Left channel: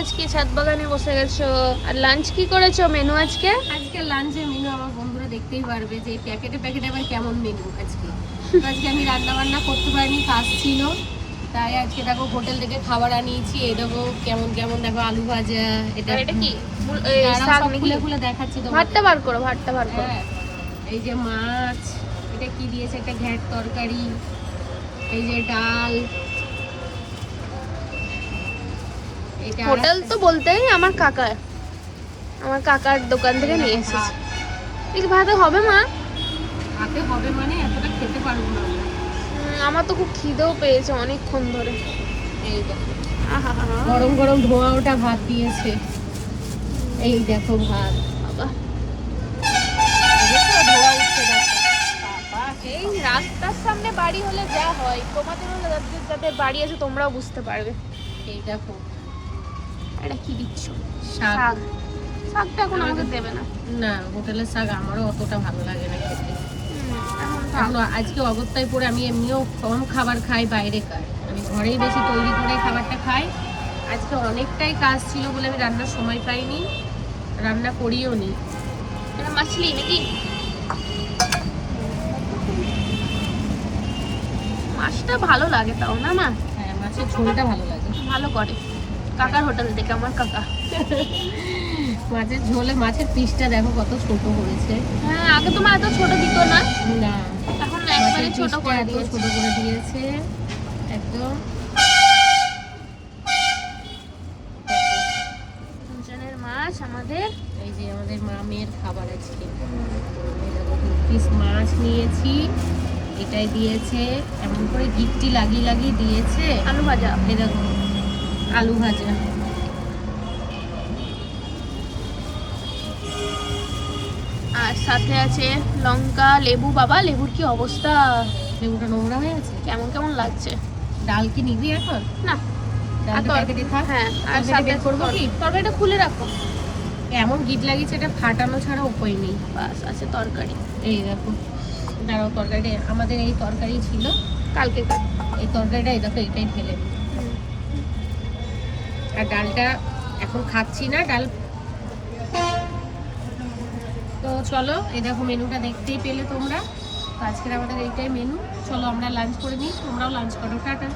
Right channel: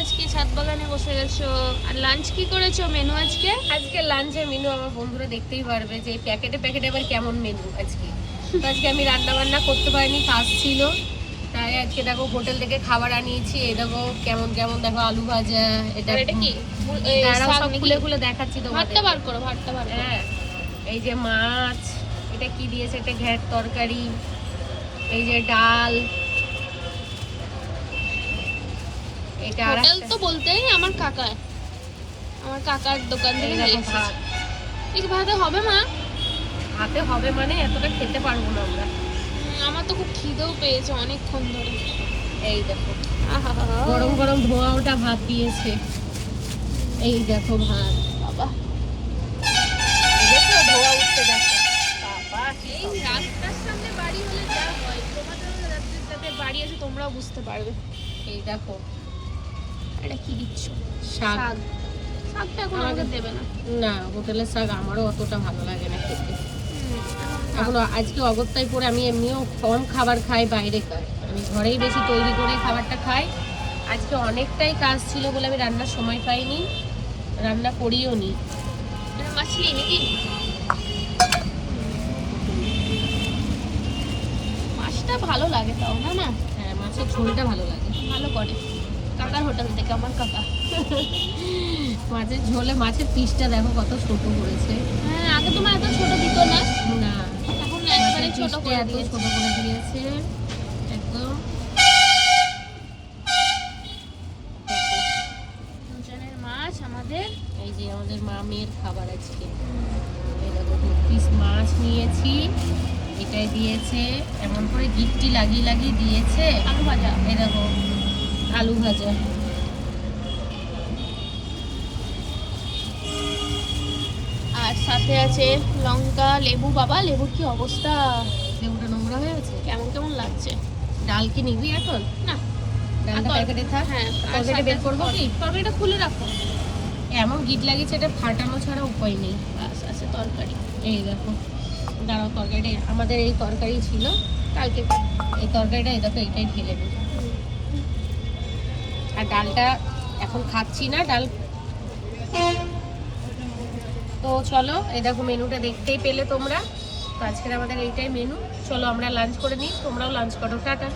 আজকে ছাদ বাগানে বসে গেছো। আর লাঞ্চ কি করেছো, মেনু আজকে? আজকে লাঞ্চের মেনু আমার বন্ধুরা দেখতেই পারবে যে প্যাকেটে প্যাকেটে আবার কেমন মেনু আজকে। তো আজকে আমি রান্না বান্না করতে পারিনি, কাজ ছিল, তাই আজকে দেখো হোটেল থেকে খাবার আনিয়েছি। এই দেখো কেমন কেমন, দেখো আলু ভাজা, এটা কি সব খুলে খুলে দেখাচ্ছি তোমাদের। ভাতটা বার করো, ভাতটা বার করো। হ্যাঁ, এই যে মাছ, এটা কি দিয়েছে, একটা ঘ্যাট তরকারি, এই যে ডাল, এটা হোটেল তো বলতেই আমার কাকার দোকান থেকে নিয়ে এসেছি। ঠিক ভাতে হবে মা? হাতে হবে মানে এতটা খেতে পারবো না আমরা। আমার তো খুব খিদেও পেয়েছে অনেকক্ষণ ধরে। এই দেখো আহা, গরম গরম ধোয়া ওটা ভাত দিয়েছে। এই দেখো ভাত, বাবা দেখো ধোয়া উঠছে, দেখো বাবা। এই রাস্তার সামনে বাড়ি হলে যা হয়, তোমাদেরও যাদের বাড়ি আছে তোমরাও বুঝতে পারবে। এই দেখো এটা কি দিচ্ছ? শাক। শাক। শাকটা এখন আমাকে দেবে না। না, হোটেলের শাক আমারও অতটা ভালো লাগে না খেতে। এখন আজকে অগত্যায় পরে আমি এমনিও কম খাবার খাই, বাইরে খাই, আমি ঘরেই বেশি তৈরি করে খাবারটা খাই। আজকে অনেকটাই কাজ ছিল বলে আমি রান্নার সময় পাইনি, রান্না করিও নি। এটা মাছলি নাকি? মাছটা ভালো লাগে তাও না মা? হ্যাঁ, মাছের ঝোলটা ভালো লাগে। ভালো করে কাকার হোটেল থেকে, আমার কাকা। মাছের ঝোলে মাছের পিসটা দেখো কত ছোট করেছে। হ্যাঁ, আগে তো মা এত ছোট দিত না, না, এখন একবারে মাছের ছোট পিসটা করে এত দিয়েছে। ছোট করে দিয়েছে একদম। দুজনের মাছ আমাদের। এই যে আমাদের মামের খাবার আজকে। এই দেখো 2 পিস মাছ নিয়েছি, এটাই দিয়েছে, এমন করে গিট্টি লাগিয়ে লাগিয়ে দিয়েছে। আলু ভাজা। এই দেখো আলু ভাজা, আর সাথে আছে লঙ্কা, লেবু। বাবা লেবুর কি অবস্থা, লেবুটা নোংরা হয়ে আছে। কেমন কেমন লাগছে। ডাল কি নিবি এখন? না, ডালটা প্যাকেটে থাক। হ্যাঁ, আর তরকারিটা সাথে বের করবো কি? তরকারিটা খুলে রাখো। এমন গিট লাগিয়েছে, এটা ফাটানো ছাড়া উপায় নেই। বাস আছে তরকারি। এই দেখো, দাঁড়াও, তরকারিটা আমাদের এই তরকারি ছিল কালকে এই তরকারিটা, এই দেখো এটাই ঢেলে দিই। আর ডালটা এখন খাচ্ছি না, ডাল। তো চলো, এই দেখো মেনুটা দেখতেই পেলে তোমরা। তো আজকের আমাদের এইটাই মেনু। চলো আমরা লাঞ্চ করে নিই, তোমরাও লাঞ্চ করো। টাটা।